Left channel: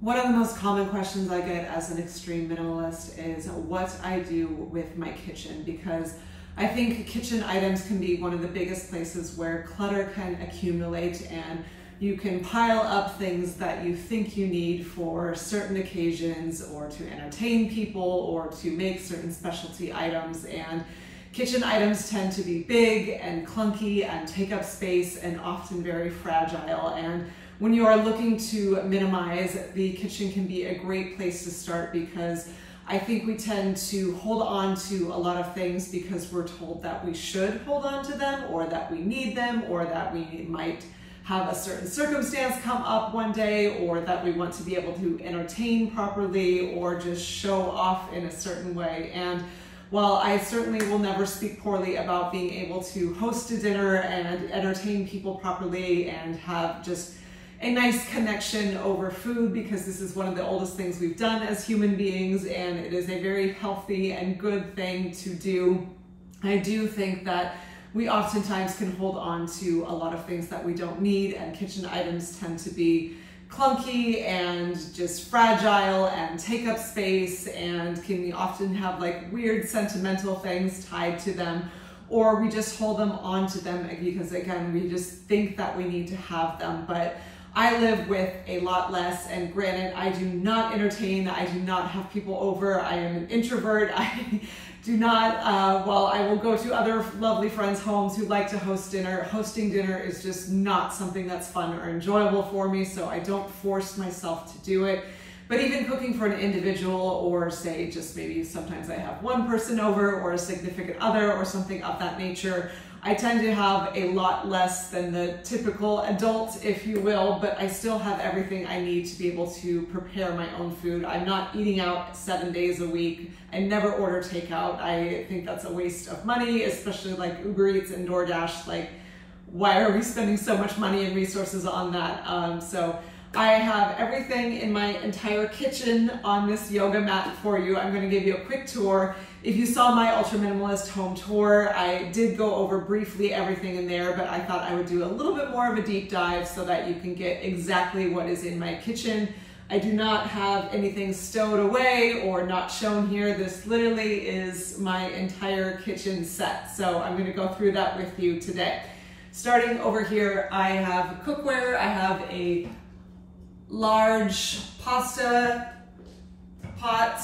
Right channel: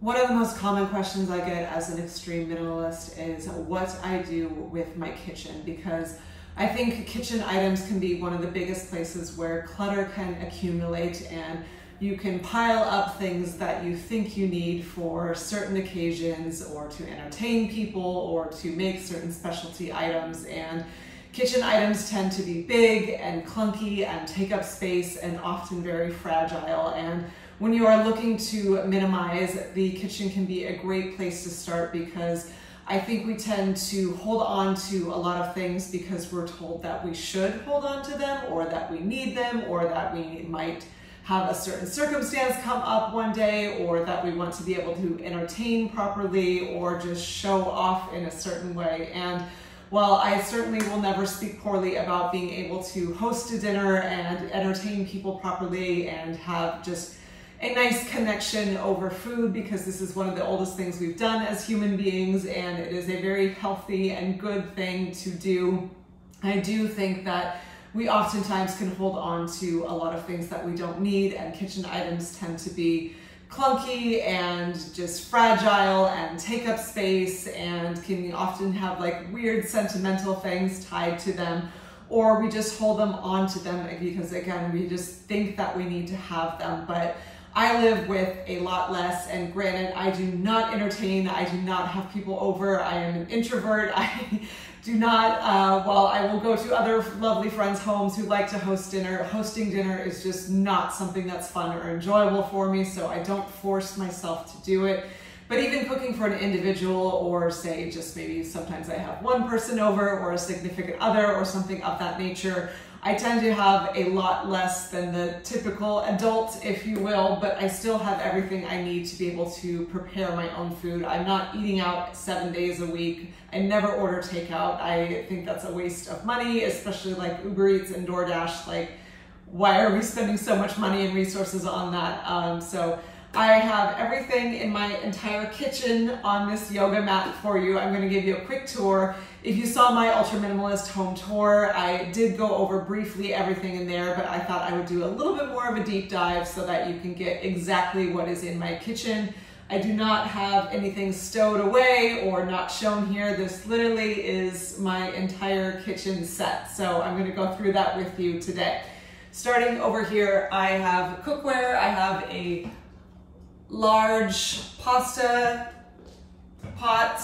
One of the most common questions I get as an extreme minimalist is what I do with my kitchen, because I think kitchen items can be one of the biggest places where clutter can accumulate, and you can pile up things that you think you need for certain occasions or to entertain people or to make certain specialty items. And kitchen items tend to be big and clunky and take up space and often very fragile. And when you are looking to minimize, the kitchen can be a great place to start, because I think we tend to hold on to a lot of things because we're told that we should hold on to them, or that we need them, or that we might have a certain circumstance come up one day, or that we want to be able to entertain properly or just show off in a certain way. And while I certainly will never speak poorly about being able to host a dinner and entertain people properly and have just a nice connection over food, because this is one of the oldest things we've done as human beings, and it is a very healthy and good thing to do, I do think that we oftentimes can hold on to a lot of things that we don't need, and kitchen items tend to be clunky and just fragile and take up space, and can often have like weird sentimental things tied to them, or we just hold them onto them because, again, we just think that we need to have them. But I live with a lot less, and granted, I do not entertain, I do not have people over, I am an introvert, I do not, while I will go to other lovely friends' homes who like to host dinner, hosting dinner is just not something that's fun or enjoyable for me, so I don't force myself to do it. But even cooking for an individual, or say just maybe sometimes I have one person over or a significant other or something of that nature, I tend to have a lot less than the typical adult, if you will, but I still have everything I need to be able to prepare my own food. I'm not eating out 7 days a week. I never order takeout. I think that's a waste of money, especially like Uber Eats and DoorDash. Like, why are we spending so much money and resources on that? So I have everything in my entire kitchen on this yoga mat for you. I'm going to give you a quick tour. If you saw my Ultra Minimalist home tour, I did go over briefly everything in there, but I thought I would do a little bit more of a deep dive so that you can get exactly what is in my kitchen. I do not have anything stowed away or not shown here. This literally is my entire kitchen set. So I'm going to go through that with you today. Starting over here, I have cookware. I have a large pasta pot.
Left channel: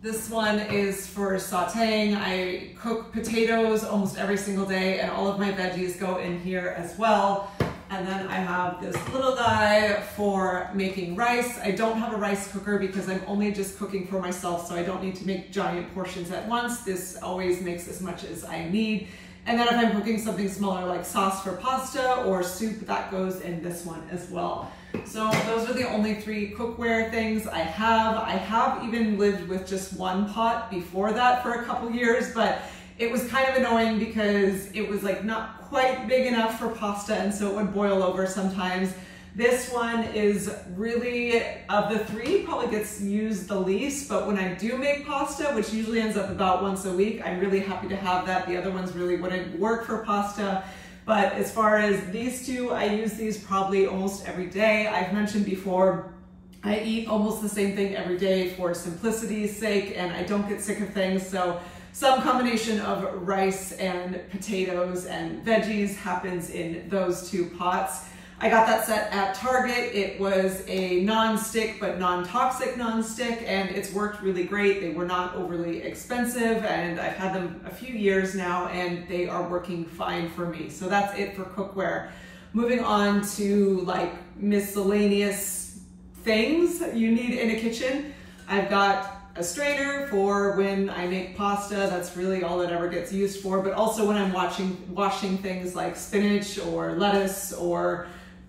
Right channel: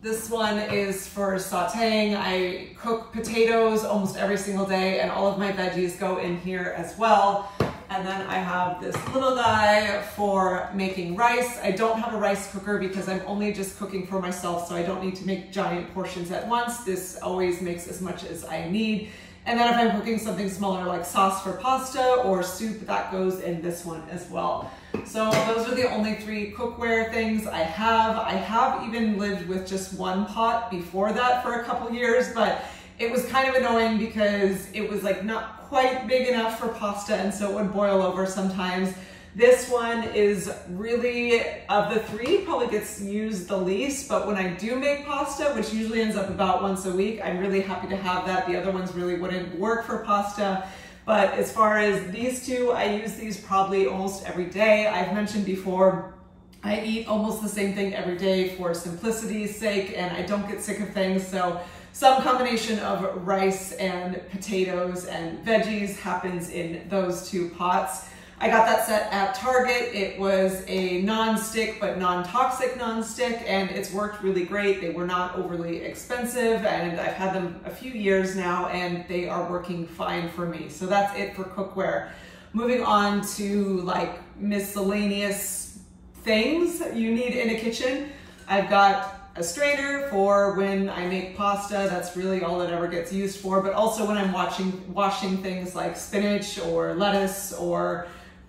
This one is for sauteing. I cook potatoes almost every single day, and all of my veggies go in here as well. And then I have this little guy for making rice. I don't have a rice cooker because I'm only just cooking for myself, so I don't need to make giant portions at once. This always makes as much as I need. And then if I'm cooking something smaller like sauce for pasta or soup, that goes in this one as well. So those are the only 3 cookware things I have. I have even lived with just one pot before that for a couple years, but it was kind of annoying because it was like not quite big enough for pasta, and so it would boil over sometimes. This one is really, of the 3, probably gets used the least, but when I do make pasta, which usually ends up about once a week, I'm really happy to have that. The other ones really wouldn't work for pasta. But as far as these 2, I use these probably almost every day. I've mentioned before, I eat almost the same thing every day for simplicity's sake, and I don't get sick of things. So some combination of rice and potatoes and veggies happens in those 2 pots. I got that set at Target. It was a non-stick but non-toxic non-stick, and it's worked really great. They were not overly expensive, and I've had them a few years now, and they are working fine for me. So that's it for cookware. Moving on to like miscellaneous things you need in a kitchen. I've got a strainer for when I make pasta. That's really all it ever gets used for, but also when I'm washing things like spinach or lettuce or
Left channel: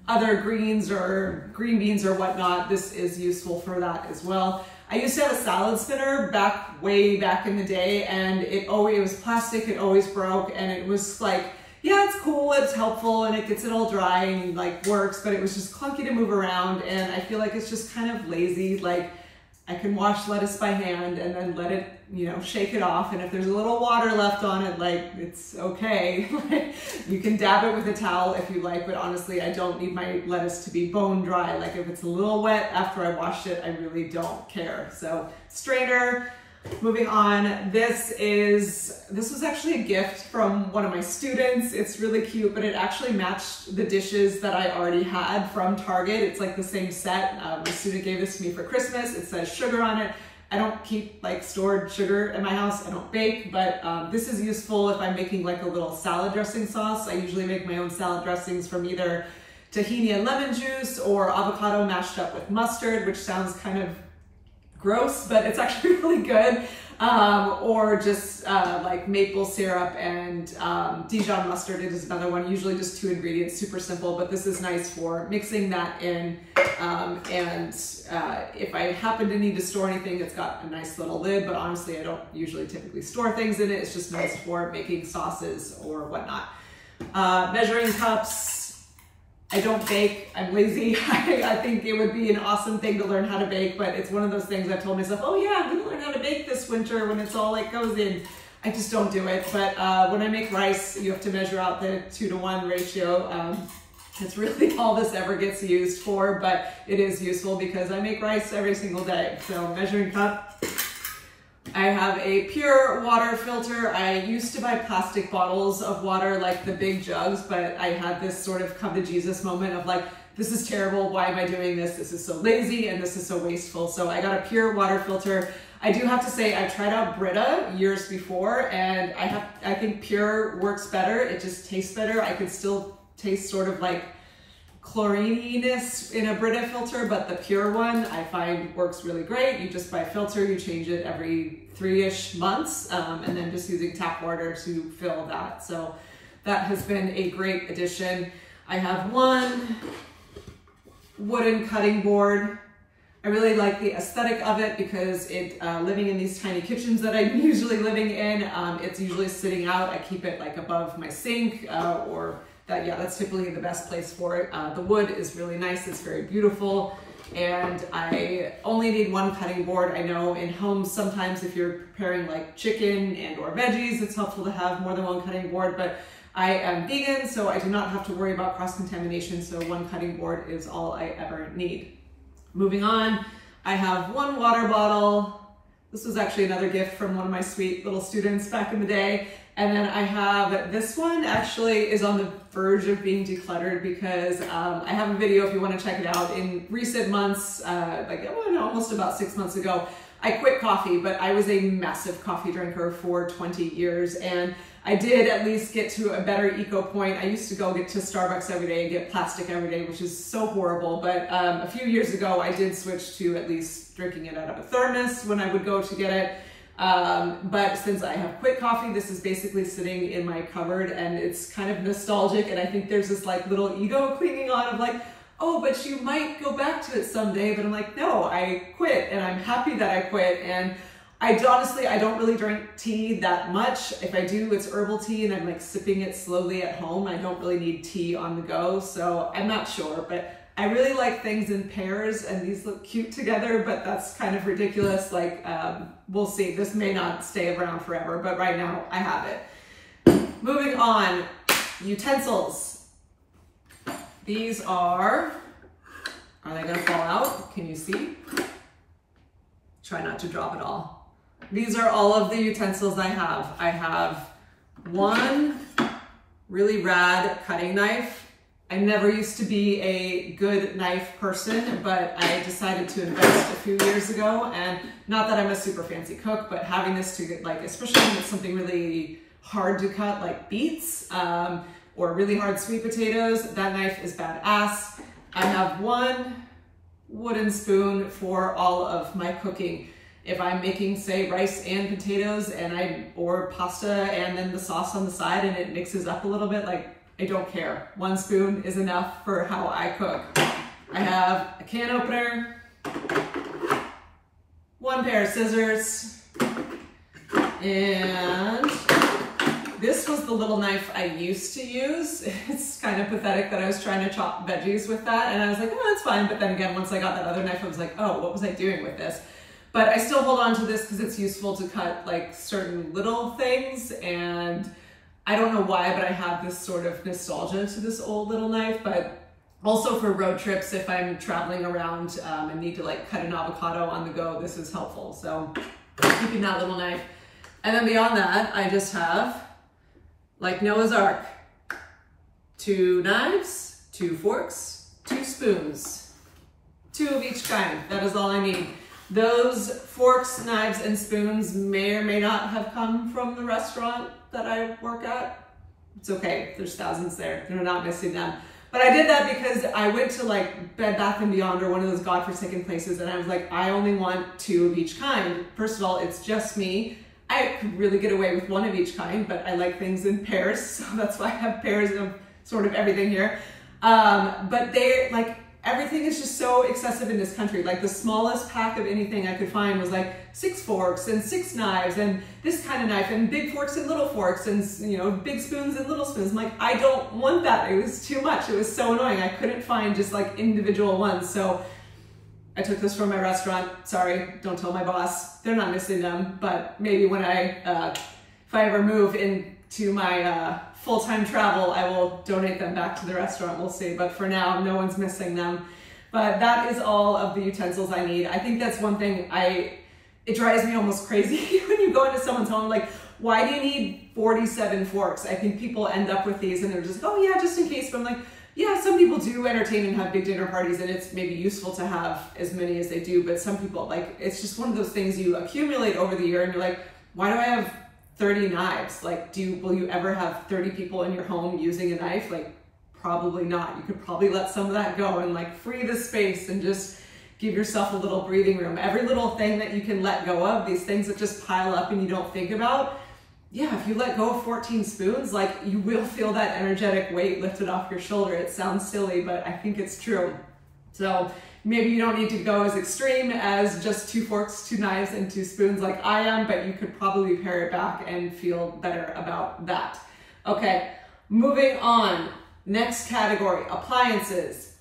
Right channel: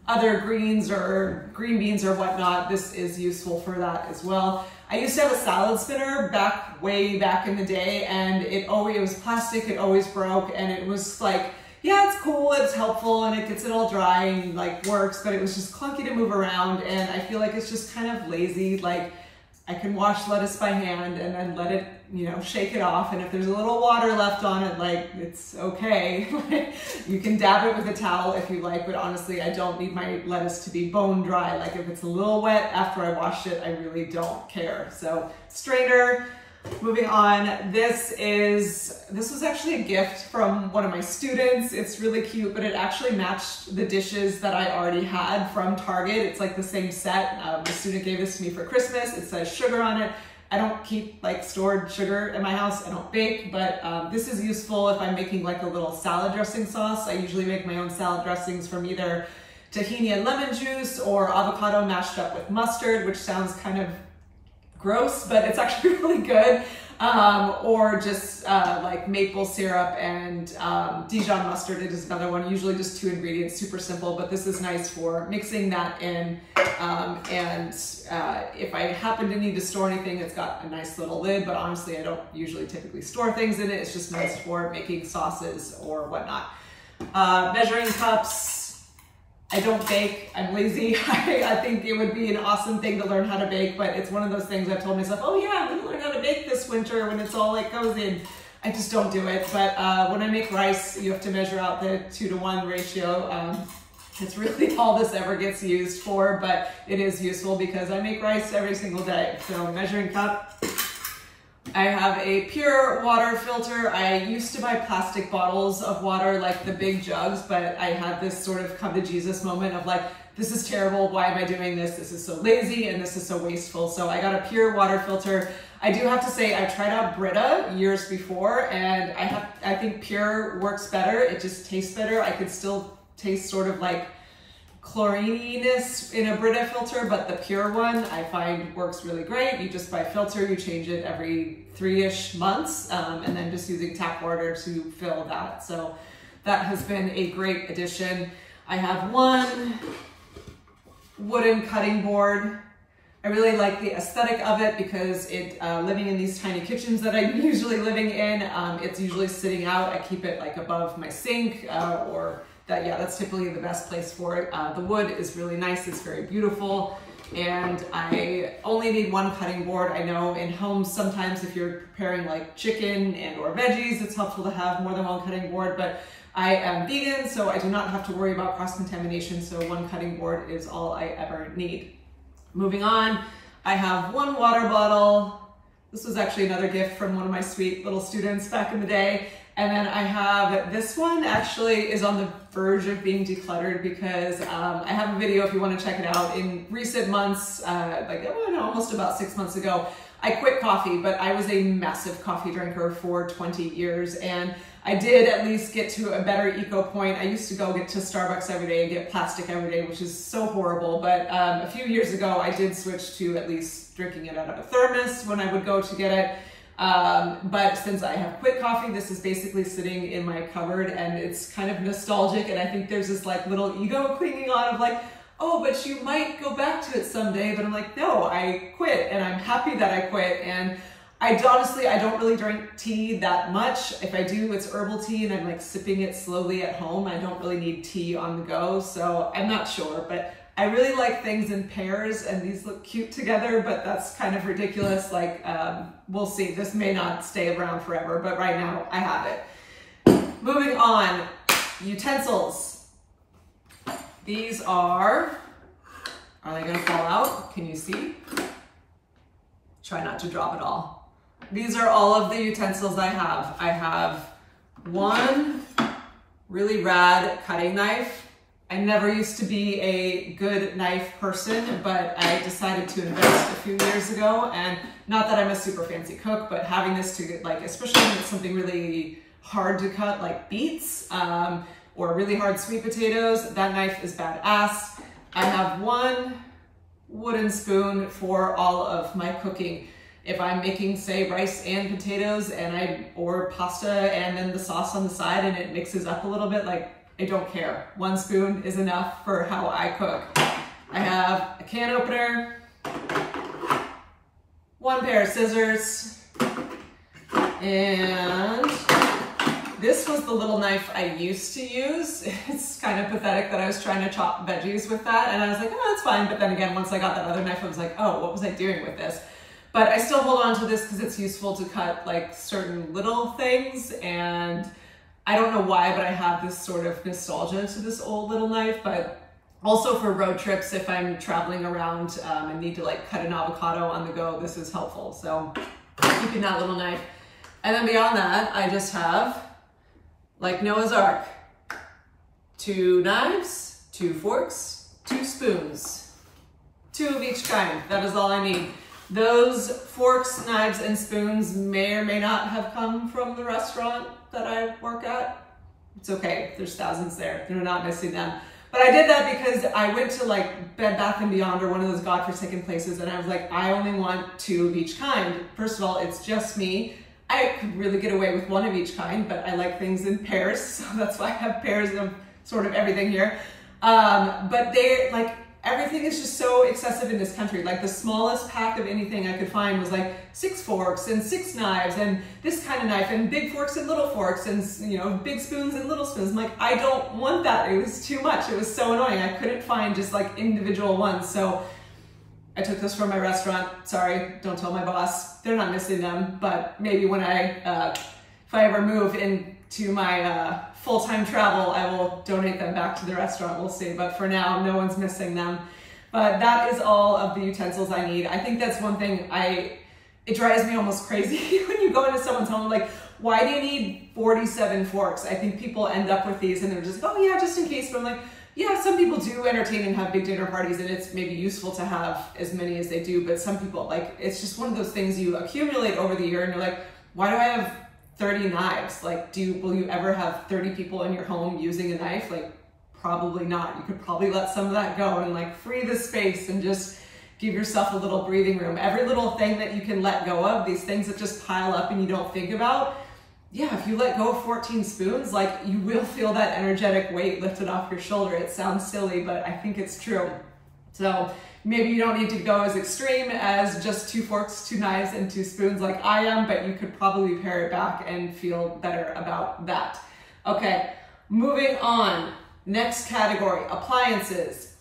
other greens or green beans or whatnot, this is useful for that as well. I used to have a salad spinner way back in the day, and it was plastic, it always broke, and it was like, yeah, it's cool, it's helpful, and it gets it all dry and like works, but it was just clunky to move around, and I feel like it's just kind of lazy. Like, I can wash lettuce by hand and then let it, you know, shake it off. And if there's a little water left on it, like, it's okay. You can dab it with a towel if you like, but honestly, I don't need my lettuce to be bone dry. Like if it's a little wet after I washed it, I really don't care. So strainer. Moving on, this was actually a gift from one of my students. It's really cute, but it actually matched the dishes that I already had from Target. It's like the same set. The student gave this to me for Christmas. It says sugar on it. I don't keep like stored sugar in my house. I don't bake, but this is useful if I'm making like a little salad dressing sauce. I usually make my own salad dressings from either tahini and lemon juice or avocado mashed up with mustard, which sounds kind of gross, but it's actually really good. Or just like maple syrup and Dijon mustard. It is another one, usually just 2 ingredients, super simple, but this is nice for mixing that in. If I happen to need to store anything, it's got a nice little lid, but honestly, I don't usually typically store things in it. It's just nice for making sauces or whatnot. Measuring cups. I don't bake, I'm lazy. I think it would be an awesome thing to learn how to bake, but it's one of those things I've told myself, oh yeah, I'm gonna learn how to bake this winter when it's all like goes in. I just don't do it. But when I make rice, you have to measure out the 2-to-1 ratio. It's really all this ever gets used for, but it is useful because I make rice every single day. So measuring cup. I have a pure water filter. I used to buy plastic bottles of water, like the big jugs, but I had this sort of come to Jesus moment of like, this is terrible. Why am I doing this? This is so lazy and this is so wasteful. So I got a pure water filter. I do have to say I tried out Brita years before, and I think pure works better. It just tastes better. I could still taste sort of like chlorininess in a Brita filter, but the pure one I find works really great. You just buy a filter, you change it every 3-ish months, and then just using tap water to fill that. So that has been a great addition. I have one wooden cutting board. I really like the aesthetic of it because living in these tiny kitchens that I'm usually living in, it's usually sitting out. I keep it like above my sink that's typically the best place for it. The wood is really nice, it's very beautiful, and I only need one cutting board. I know in homes sometimes if you're preparing like chicken and or veggies, it's helpful to have more than one cutting board, but I am vegan, so I do not have to worry about cross-contamination, so one cutting board is all I ever need. Moving on, I have one water bottle. This was actually another gift from one of my sweet little students back in the day. And then I have this one, actually is on the verge of being decluttered because I have a video if you want to check it out. In recent months, almost about 6 months ago, I quit coffee, but I was a massive coffee drinker for 20 years. And I did at least get to a better eco point. I used to go get to Starbucks every day and get plastic every day, which is so horrible. But a few years ago, I did switch to at least drinking it out of a thermos when I would go to get it. But since I have quit coffee, this is basically sitting in my cupboard, and it's kind of nostalgic. And I think there's this like little ego clinging on of like, oh, but you might go back to it someday. But I'm like, no, I quit, and I'm happy that I quit. And I don't really drink tea that much. If I do, it's herbal tea, and I'm like sipping it slowly at home. I don't really need tea on the go, so I'm not sure, but I really like things in pairs, and these look cute together, but that's kind of ridiculous. Like, we'll see. This may not stay around forever, but right now I have it. Moving on, utensils. These are they gonna fall out? Can you see? Try not to drop it all. These are all of the utensils I have. I have one really rad cutting knife. I never used to be a good knife person, but I decided to invest a few years ago, and not that I'm a super fancy cook, but having this to like, especially when it's something really hard to cut like beets or really hard sweet potatoes, that knife is badass. I have one wooden spoon for all of my cooking. If I'm making, say, rice and potatoes or pasta and then the sauce on the side and it mixes up a little bit, like, I don't care. One spoon is enough for how I cook. I have a can opener, one pair of scissors, and this was the little knife I used to use. It's kind of pathetic that I was trying to chop veggies with that, and I was like, oh, that's fine. But then again, once I got that other knife, I was like, oh, what was I doing with this? But I still hold on to this because it's useful to cut like certain little things, and I don't know why, but I have this sort of nostalgia to this old little knife. But also for road trips, if I'm traveling around and need to like cut an avocado on the go, this is helpful. So keeping that little knife. And then beyond that, I just have, like Noah's Ark, 2 knives, 2 forks, 2 spoons, 2 of each kind. That is all I need. Those forks, knives, and spoons may or may not have come from the restaurant that I work at. It's okay, there's thousands there. You're not missing them. But I did that because I went to like Bed Bath & Beyond or one of those godforsaken places, and I was like, I only want 2 of each kind. First of all, it's just me. I could really get away with 1 of each kind, but I like things in pairs, so that's why I have pairs of sort of everything here. But they're like, everything is just so excessive in this country. Like the smallest pack of anything I could find was like 6 forks and 6 knives and this kind of knife and big forks and little forks and, you know, big spoons and little spoons. I'm like, I don't want that. It was too much. It was so annoying. I couldn't find just like individual ones. So I took this from my restaurant. Sorry, don't tell my boss. They're not missing them, but maybe when if I ever move into my full-time travel, I will donate them back to the restaurant, we'll see. But for now, no one's missing them. But that is all of the utensils I need. I think that's one thing it drives me almost crazy when you go into someone's home, like, why do you need 47 forks? I think people end up with these and they're just, oh yeah, just in case. But I'm like, yeah, some people do entertain and have big dinner parties, and it's maybe useful to have as many as they do, but some people, like, it's just one of those things you accumulate over the year and you're like, why do I have 30 knives? Like, will you ever have 30 people in your home using a knife? Like, probably not. You could probably let some of that go and like free the space and just give yourself a little breathing room. Every little thing that you can let go of, these things that just pile up and you don't think about, yeah, if you let go of 14 spoons, like, you will feel that energetic weight lifted off your shoulder. It sounds silly, but I think it's true. So maybe you don't need to go as extreme as just 2 forks, 2 knives, and 2 spoons like I am, but you could probably pare it back and feel better about that. Okay, moving on. Next category, appliances.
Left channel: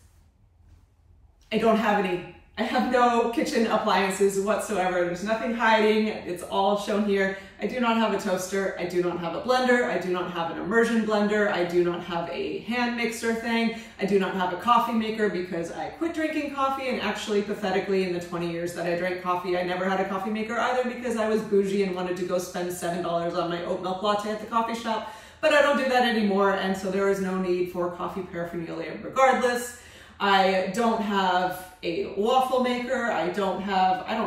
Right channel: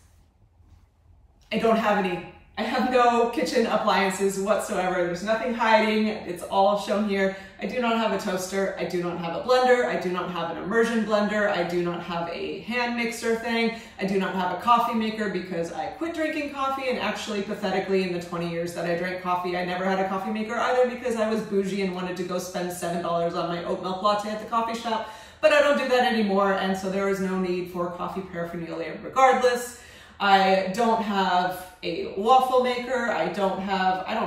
I don't have any. I have no kitchen appliances whatsoever. There's nothing hiding. It's all shown here. I do not have a toaster. I do not have a blender. I do not have an immersion blender. I do not have a hand mixer thing. I do not have a coffee maker because I quit drinking coffee, and actually, pathetically, in the 20 years that I drank coffee, I never had a coffee maker either because I was bougie and wanted to go spend $7 on my oat milk latte at the coffee shop. But I don't do that anymore, and so there is no need for coffee paraphernalia regardless. I don't have a waffle maker. I don't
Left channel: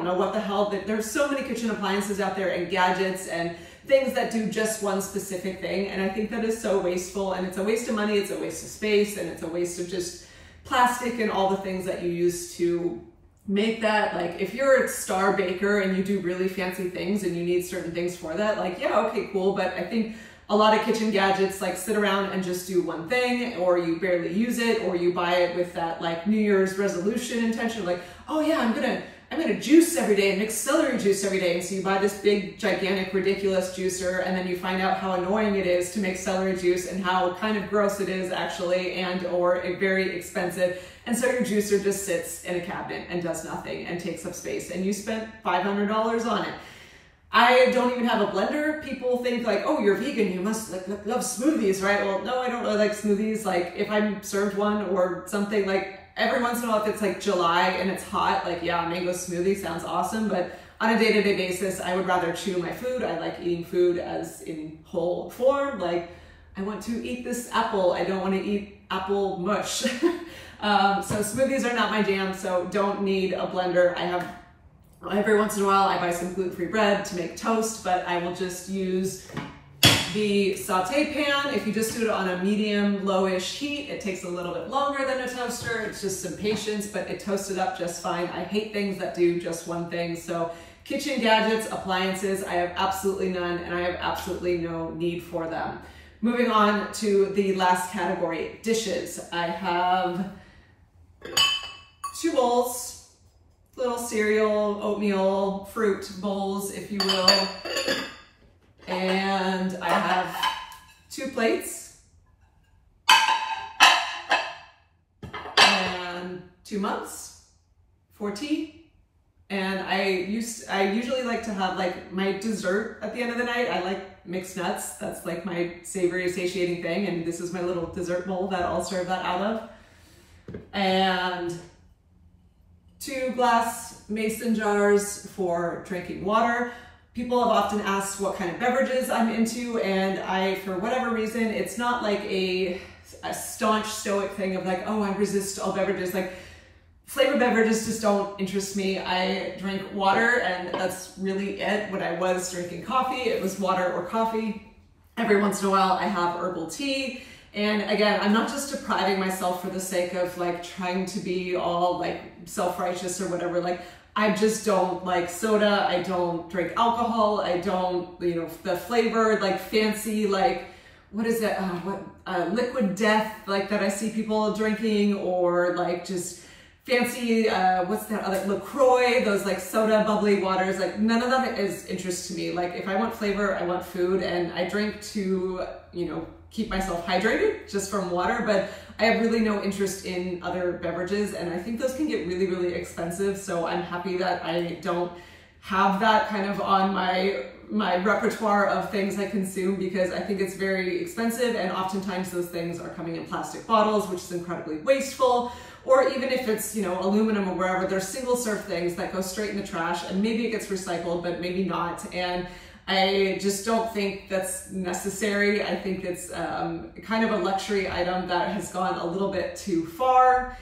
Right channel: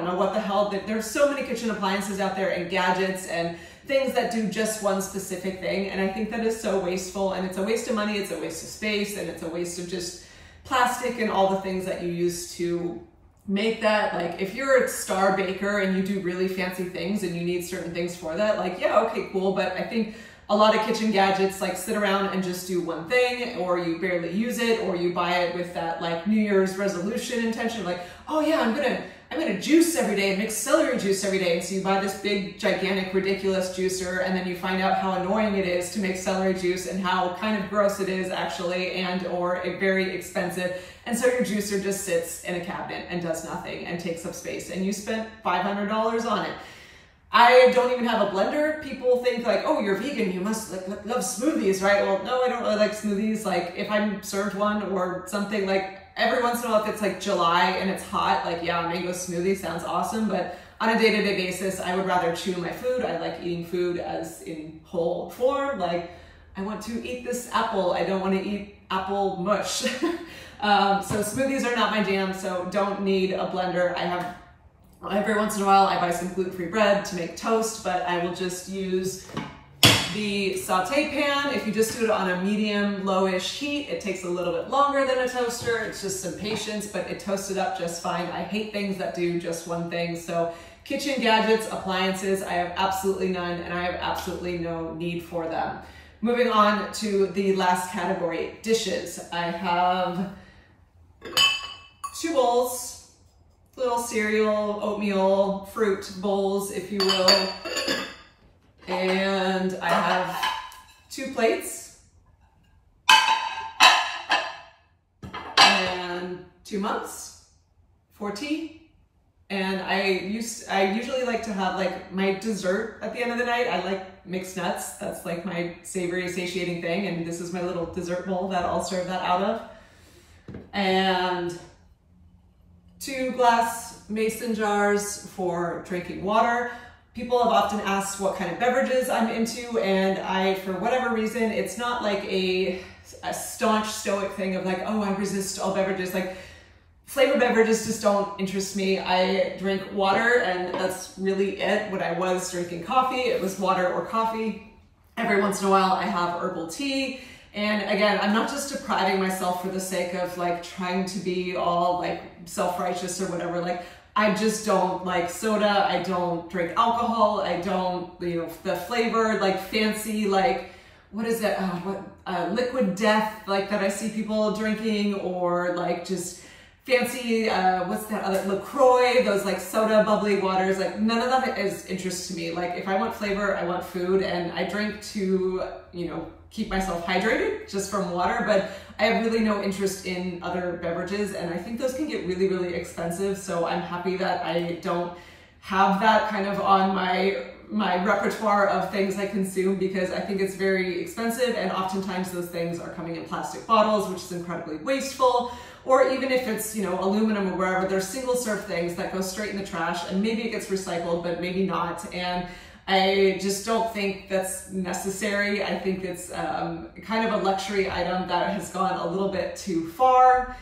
know what the hell, there's so many kitchen appliances out there and gadgets and things that do just one specific thing. And I think that is so wasteful, and it's a waste of money, it's a waste of space, and it's a waste of just plastic and all the things that you use to make that. Like, if you're a star baker and you do really fancy things and you need certain things for that, like, yeah, okay, cool. But I think a lot of kitchen gadgets like sit around and just do one thing, or you barely use it, or you buy it with that like New Year's resolution intention, like, oh yeah, I'm gonna juice every day and mix celery juice every day. And so you buy this big, gigantic, ridiculous juicer, and then you find out how annoying it is to make celery juice and how kind of gross it is actually, and or very expensive. And so your juicer just sits in a cabinet and does nothing and takes up space, and you spent $500 on it. I don't even have a blender. People think like, oh, you're vegan, you must like love smoothies, right? Well, no, I don't really like smoothies. Like, if I'm served one or something, like every once in a while, if it's like July and it's hot, like, yeah, a mango smoothie sounds awesome. But on a day-to-day basis, I would rather chew my food. I like eating food as in whole form. Like, I want to eat this apple. I don't want to eat apple mush. So smoothies are not my jam, so don't need a blender. Every once in a while, I buy some gluten-free bread to make toast, but I will just use the saute pan. If you just do it on a medium, lowish heat, it takes a little bit longer than a toaster. It's just some patience, but it toasted up just fine. I hate things that do just one thing. So kitchen gadgets, appliances, I have absolutely none, and I have absolutely no need for them. Moving on to the last category, dishes. I have 2 bowls. Little cereal, oatmeal, fruit bowls, if you will. And I have 2 plates and 2 mugs for tea And I usually like to have like my dessert at the end of the night. I like mixed nuts. That's like my savory satiating thing. And this is my little dessert bowl that I'll serve that out of. And 2 glass mason jars for drinking water. People have often asked what kind of beverages I'm into, and for whatever reason, it's not like a staunch stoic thing of like, oh, I resist all beverages. Like, flavored beverages just don't interest me. I drink water, and that's really it. When I was drinking coffee, it was water or coffee. Every once in a while, I have herbal tea. And again, I'm not just depriving myself for the sake of like trying to be all like self-righteous or whatever. Like, I just don't like soda. I don't drink alcohol. I don't, the flavored, like fancy, like, what is it? Liquid death, like that I see people drinking, or like just fancy, what's that other, LaCroix, those like soda bubbly waters. Like, none of that is interest to me. Like, if I want flavor, I want food, and I drink to, keep myself hydrated just from water, but I have really no interest in other beverages, and I think those can get really, really expensive. So I'm happy that I don't have that kind of on my repertoire of things I consume, because I think it's very expensive, and oftentimes those things are coming in plastic bottles, which is incredibly wasteful. Or even if it's, aluminum or wherever, there's single serve things that go straight in the trash, and maybe it gets recycled, but maybe not. And I just don't think that's necessary. I think it's kind of a luxury item that has gone a little bit too far.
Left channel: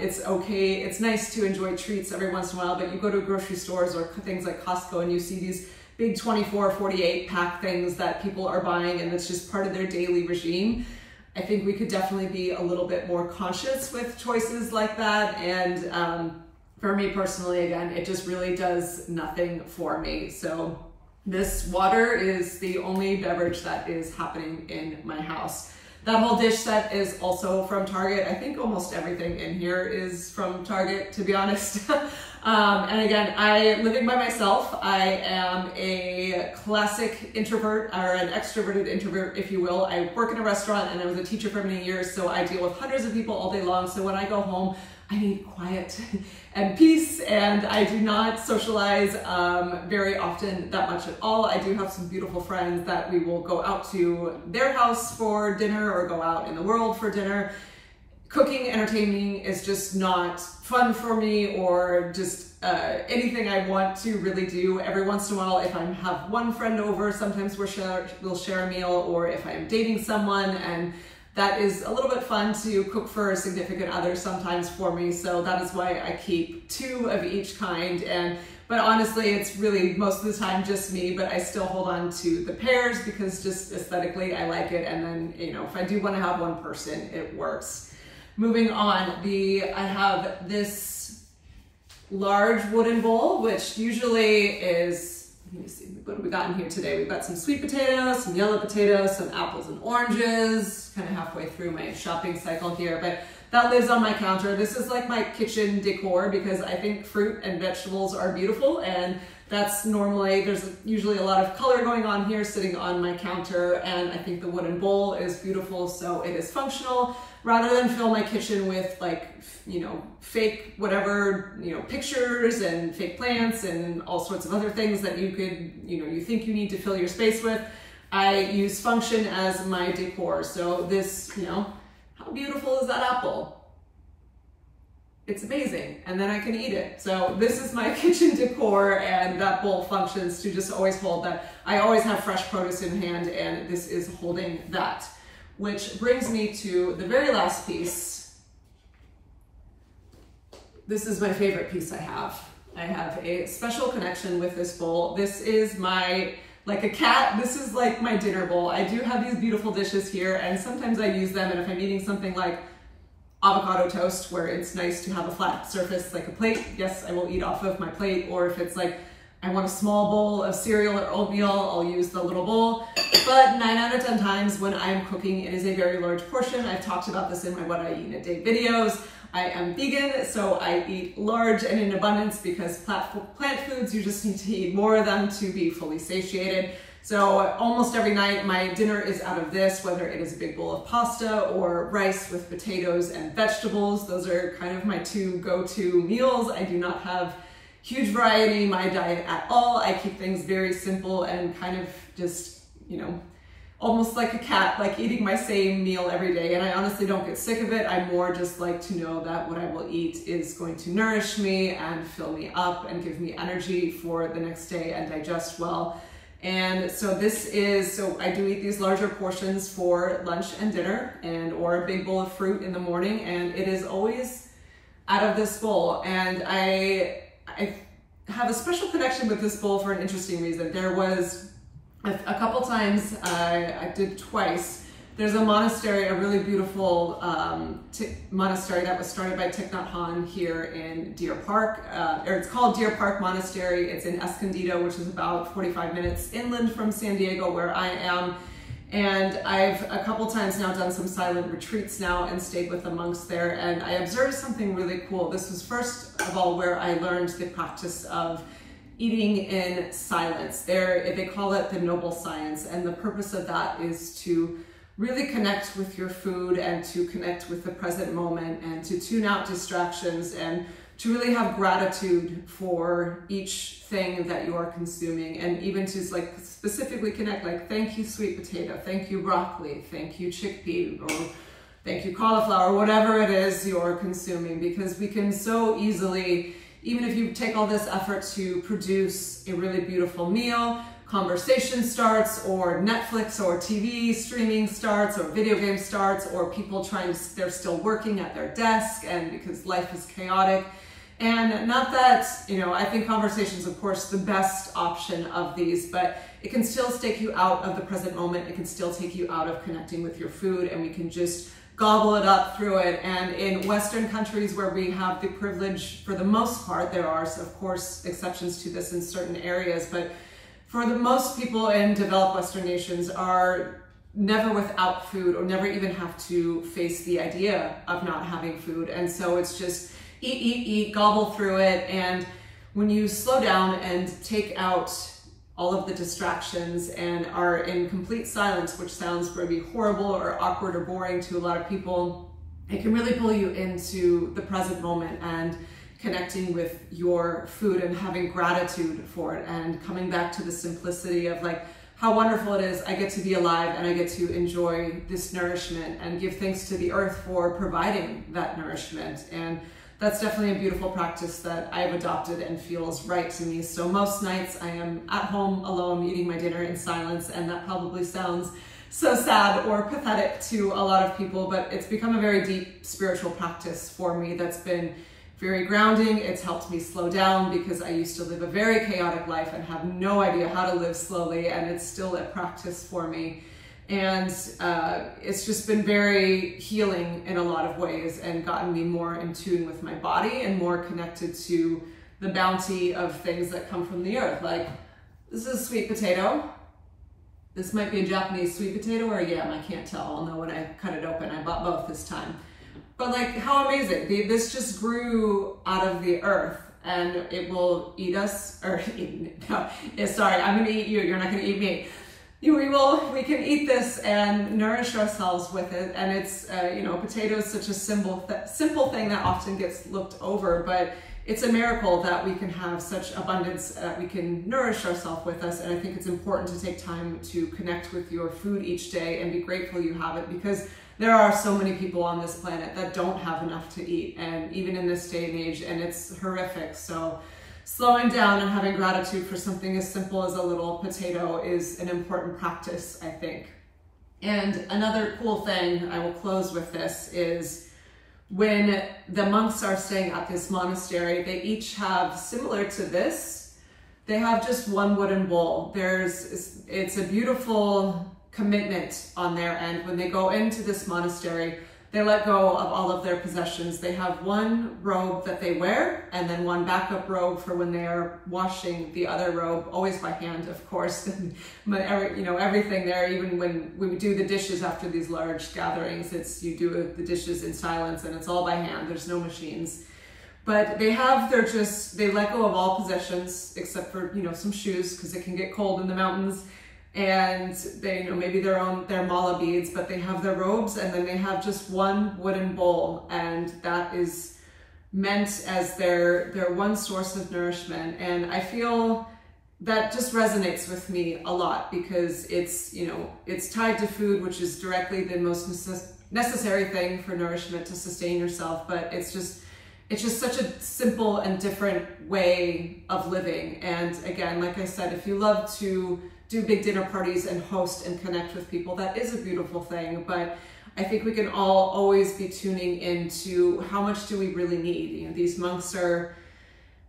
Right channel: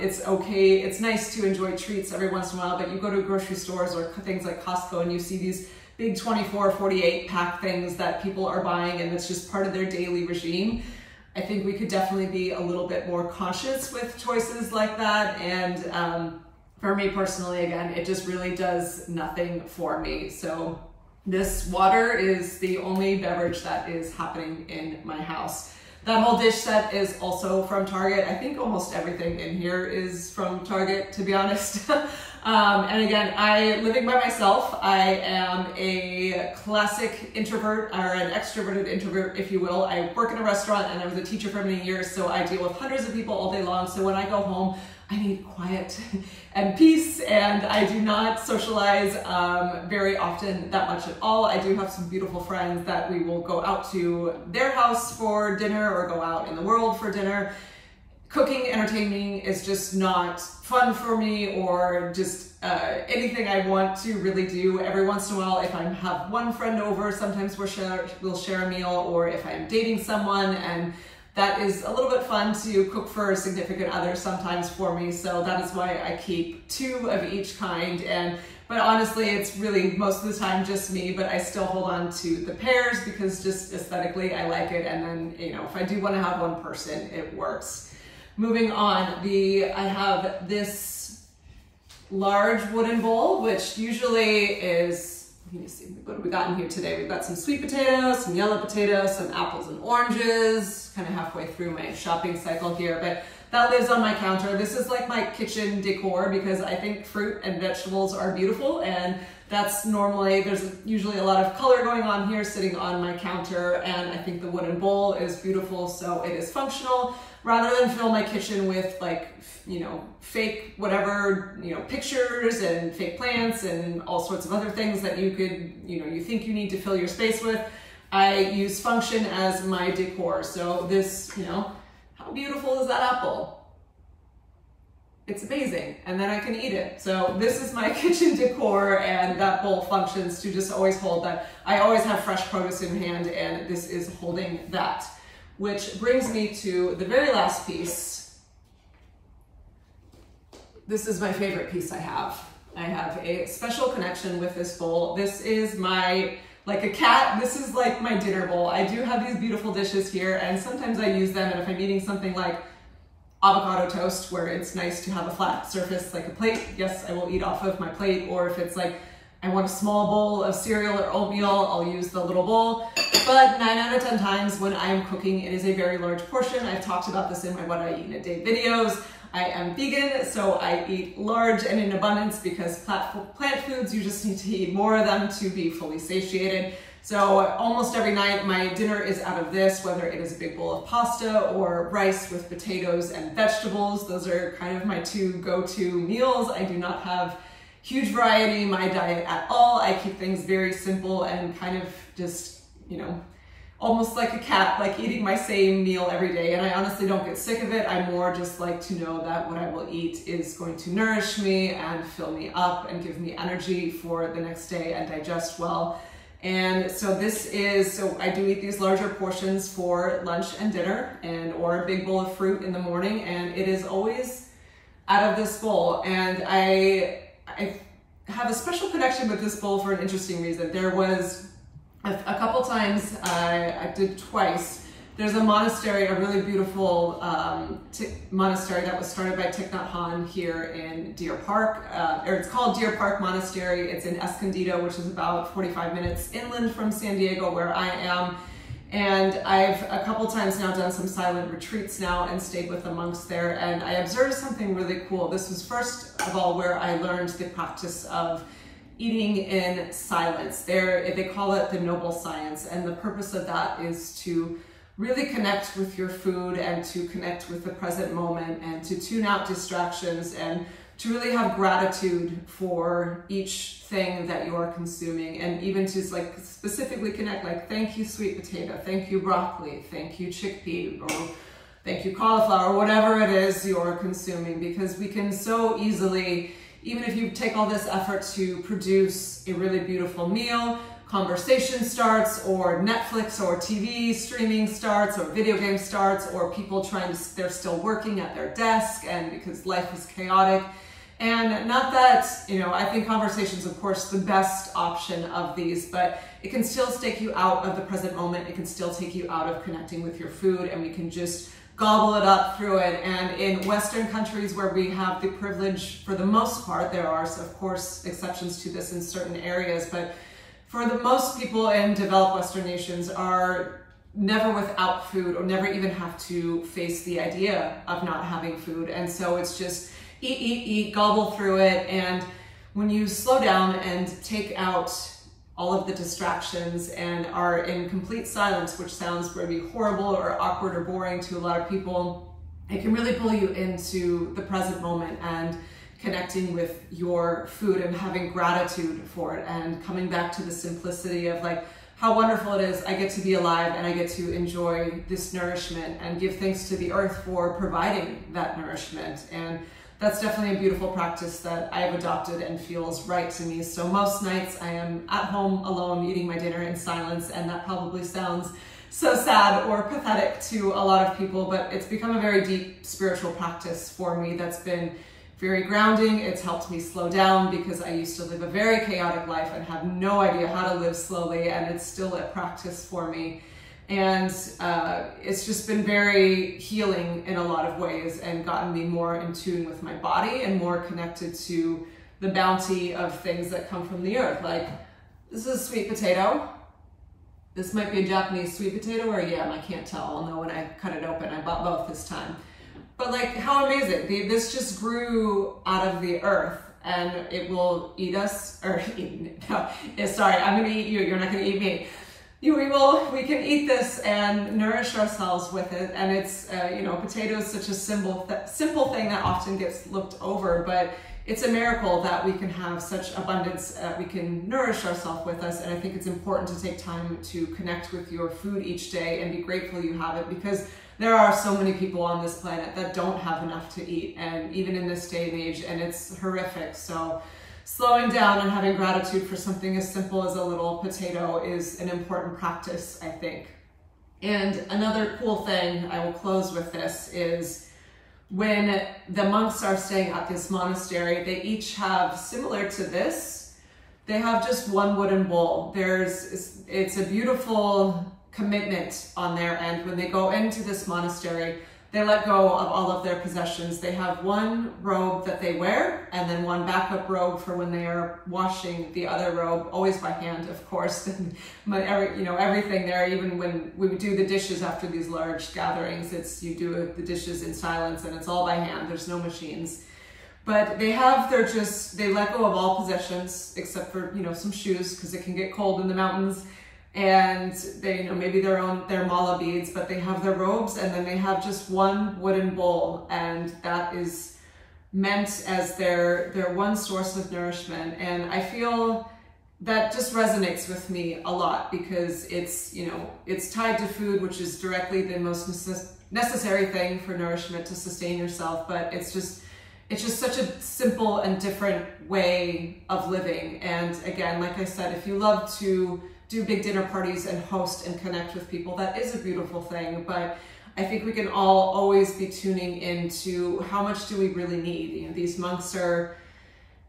It's okay, it's nice to enjoy treats every once in a while, but you go to grocery stores or things like Costco and you see these big 24, 48 pack things that people are buying, and it's just part of their daily regime. I think we could definitely be a little bit more conscious with choices like that. And for me personally, again, it just really does nothing for me. So this water is the only beverage that is happening in my house. That whole dish set is also from Target. I think almost everything in here is from Target, to be honest. And again, living by myself, I am a classic introvert, or an extroverted introvert, if you will. I work in a restaurant and I was a teacher for many years, so I deal with hundreds of people all day long. So when I go home, I need quiet and peace, and I do not socialize very often, that much at all. I do have some beautiful friends that we will go out to their house for dinner or go out in the world for dinner. Cooking, entertaining is just not fun for me, or just anything I want to really do. Every once in a while, if I have one friend over, sometimes we'll share a meal, or if I am dating someone, and that is a little bit fun to cook for a significant other sometimes for me. So that is why I keep 2 of each kind. But honestly, it's really most of the time just me, but I still hold on to the pairs because just aesthetically I like it. And then, if I do want to have one person, it works. Moving on, I have this large wooden bowl, which usually is, let me see, what have we got in here today? We've got some sweet potatoes, some yellow potatoes, some apples and oranges, kind of halfway through my shopping cycle here, but that lives on my counter. This is like my kitchen decor because I think fruit and vegetables are beautiful, and that's normally, there's usually a lot of color going on here sitting on my counter, and I think the wooden bowl is beautiful, so it is functional. Rather than fill my kitchen with like, fake whatever, pictures and fake plants and all sorts of other things that you could, you think you need to fill your space with, I use function as my decor. So this, how beautiful is that apple? It's amazing. And then I can eat it. So this is my kitchen decor, and that bowl functions to just always hold that. I always have fresh produce in hand, and this is holding that. Which brings me to the very last piece. This is my favorite piece I have. I have a special connection with this bowl. This is like a cat, this is like my dinner bowl. I do have these beautiful dishes here, and sometimes I use them, and if I'm eating something like avocado toast, where it's nice to have a flat surface like a plate, yes, I will eat off of my plate. Or if it's like, I want a small bowl of cereal or oatmeal, I'll use the little bowl. But 9 out of 10 times when I am cooking, it is a very large portion. I've talked about this in my What I Eat in a Day videos. I am vegan, so I eat large and in abundance because plant foods, you just need to eat more of them to be fully satiated. So almost every night my dinner is out of this, whether it is a big bowl of pasta or rice with potatoes and vegetables. Those are kind of my 2 go-to meals. I do not have huge variety in my diet at all. I keep things very simple and kind of just, you know, almost like a cat, like eating my same meal every day. And I honestly don't get sick of it. I more just like to know that what I will eat is going to nourish me and fill me up and give me energy for the next day and digest well. And so so I do eat these larger portions for lunch and dinner, and or a big bowl of fruit in the morning. And it is always out of this bowl. And I have a special connection with this bowl for an interesting reason. There was a couple times, I did twice. There's a monastery, a really beautiful monastery that was started by Thich Nhat Hanh here in Deer Park. Or it's called Deer Park Monastery. It's in Escondido, which is about 45 minutes inland from San Diego, where I am. And I've a couple times now done some silent retreats now and stayed with the monks there. And I observed something really cool. This was first of all where I learned the practice of eating in silence. They call it the noble science, and the purpose of that is to really connect with your food and to connect with the present moment and to tune out distractions and to really have gratitude for each thing that you are consuming, and even to like specifically connect, like, thank you sweet potato, thank you broccoli, thank you chickpea, or thank you cauliflower, whatever it is you're consuming, because we can so easily, even if you take all this effort to produce a really beautiful meal, conversation starts, or Netflix or TV streaming starts, or video game starts, or people they're still working at their desk, and because life is chaotic. And not that, you know, I think conversation's of course the best option of these, but it can still take you out of the present moment. It can still take you out of connecting with your food, and we can just gobble it up through it. And in Western countries where we have the privilege, for the most part, there are of course exceptions to this in certain areas, but for the most people in developed Western nations are never without food, or never even have to face the idea of not having food. And so it's just eat, gobble through it. And when you slow down and take out all of the distractions and are in complete silence, which sounds maybe horrible or awkward or boring to a lot of people, it can really pull you into the present moment and connecting with your food and having gratitude for it, and coming back to the simplicity of like how wonderful it is I get to be alive and I get to enjoy this nourishment and give thanks to the earth for providing that nourishment. And that's definitely a beautiful practice that I've adopted and feels right to me. So most nights I am at home alone eating my dinner in silence, and that probably sounds so sad or pathetic to a lot of people, but it's become a very deep spiritual practice for me that's been very grounding. It's helped me slow down because I used to live a very chaotic life and have no idea how to live slowly, and it's still a practice for me. And it's just been very healing in a lot of ways, and gotten me more in tune with my body and more connected to the bounty of things that come from the earth. Like, this is a sweet potato. This might be a Japanese sweet potato or a yam, I can't tell. I'll know when I cut it open. I bought both this time. But like, how amazing. This just grew out of the earth, and it will eat us, or sorry, I'm gonna eat you, you're not gonna eat me. We can eat this and nourish ourselves with it. And it's, you know, potato is such a simple thing that often gets looked over, but it's a miracle that we can have such abundance, we can nourish ourselves with us. And I think it's important to take time to connect with your food each day and be grateful you have it, because there are so many people on this planet that don't have enough to eat, and even in this day and age, and it's horrific. So slowing down and having gratitude for something as simple as a little potato is an important practice, I think. And another cool thing, I will close with this, is when the monks are staying at this monastery, they each have, similar to this, they have just one wooden bowl. It's a beautiful commitment on their end. When they go into this monastery, they let go of all of their possessions. They have one robe that they wear, and then one backup robe for when they are washing the other robe, always by hand, of course. But everything there, even when we do the dishes after these large gatherings, you do the dishes in silence, and it's all by hand. There's no machines. But they let go of all possessions except for, some shoes, because it can get cold in the mountains. And they, maybe their mala beads, but they have their robes, and then they have just one wooden bowl. And that is meant as their one source of nourishment. And I feel that just resonates with me a lot because it's, you know, it's tied to food, which is directly the most necessary thing for nourishment to sustain yourself. But it's just such a simple and different way of living. And again, like I said, if you love to do big dinner parties and host and connect with people, that is a beautiful thing. But I think we can all always be tuning into how much do we really need. You know, these monks are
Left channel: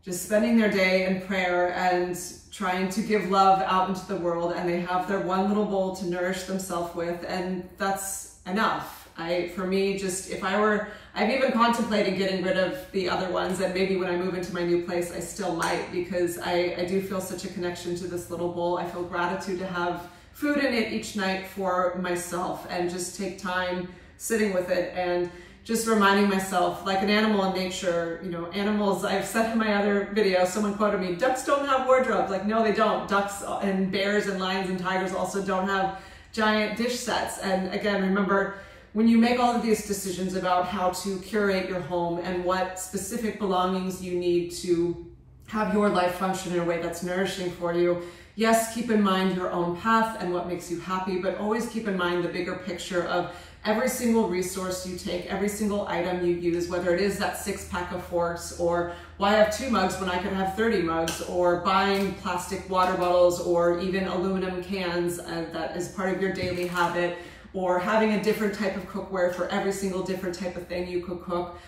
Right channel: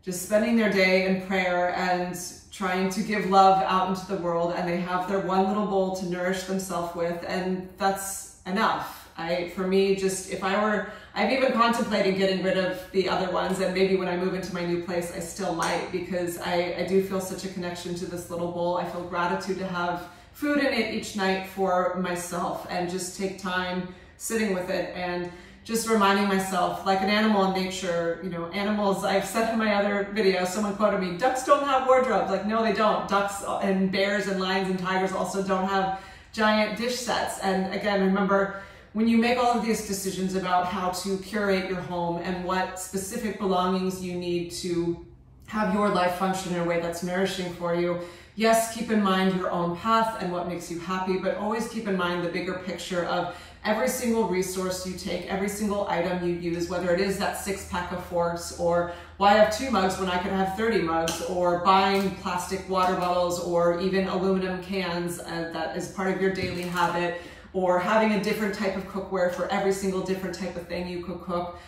just spending their day in prayer and trying to give love out into the world, and they have their one little bowl to nourish themselves with, and that's enough. For me, just I've even contemplated getting rid of the other ones, and maybe when I move into my new place, I still might, because I do feel such a connection to this little bowl. I feel gratitude to have food in it each night for myself, and just take time sitting with it and just reminding myself, like an animal in nature, you know, animals, I've said in my other video, someone quoted me, ducks don't have wardrobes. Like, no, they don't. Ducks and bears and lions and tigers also don't have giant dish sets. And again, remember, when you make all of these decisions about how to curate your home and what specific belongings you need to have your life function in a way that's nourishing for you, yes, keep in mind your own path and what makes you happy, but always keep in mind the bigger picture of every single resource you take, every single item you use, whether it is that 6-pack of forks, or why have 2 mugs when I could have 30 mugs, or buying plastic water bottles or even aluminum cans that is part of your daily habit, or having a different type of cookware for every single different type of thing you could cook.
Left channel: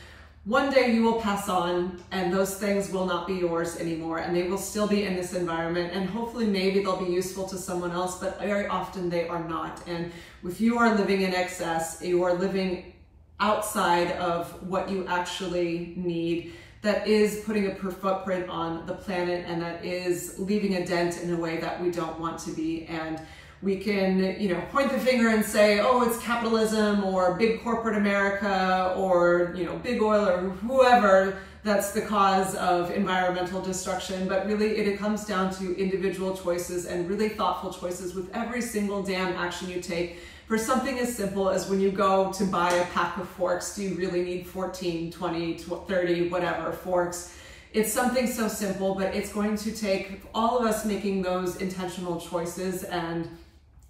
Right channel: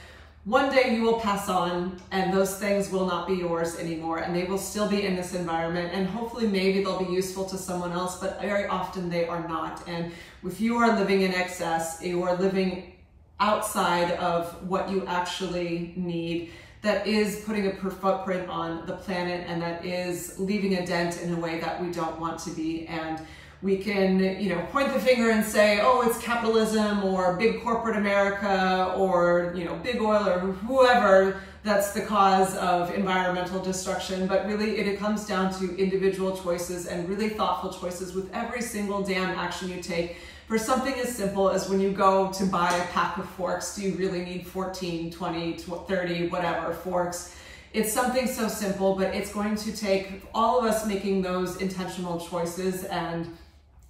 One day you will pass on, and those things will not be yours anymore, and they will still be in this environment, and hopefully maybe they'll be useful to someone else, but very often they are not. And if you are living in excess, you are living outside of what you actually need, that is putting a footprint on the planet, and that is leaving a dent in a way that we don't want to be. And we can, you know, point the finger and say, oh, it's capitalism or big corporate America or, you know, big oil or whoever that's the cause of environmental destruction. But really it comes down to individual choices and really thoughtful choices with every single damn action you take. For something as simple as when you go to buy a pack of forks, do you really need 14, 20, 30, whatever forks? It's something so simple, but it's going to take all of us making those intentional choices and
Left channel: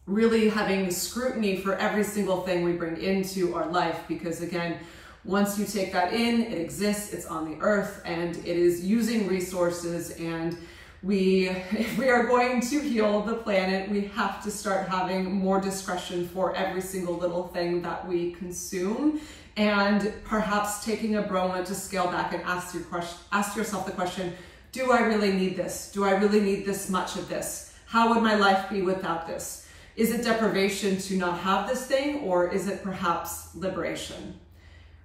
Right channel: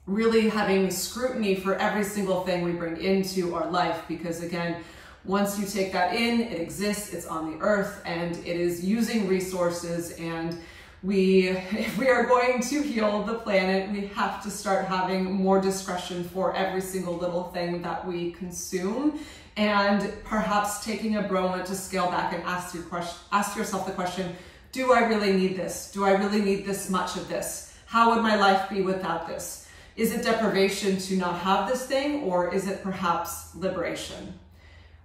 really having scrutiny for every single thing we bring into our life. Because again, once you take that in, it exists, it's on the earth, and it is using resources. And if we are going to heal the planet, we have to start having more discretion for every single little thing that we consume, and perhaps taking a moment to scale back and ask yourself the question, do I really need this? Do I really need this much of this? How would my life be without this? Is it deprivation to not have this thing, or is it perhaps liberation?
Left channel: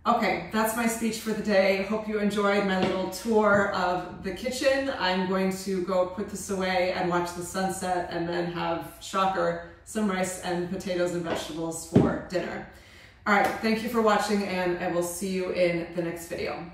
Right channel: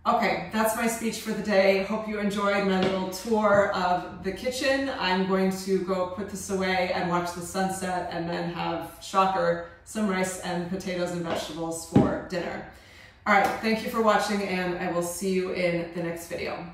Okay, that's my speech for the day. Hope you enjoyed my little tour of the kitchen. I'm going to go put this away and watch the sunset, and then have, shocker, some rice and potatoes and vegetables for dinner. All right, thank you for watching, and I will see you in the next video.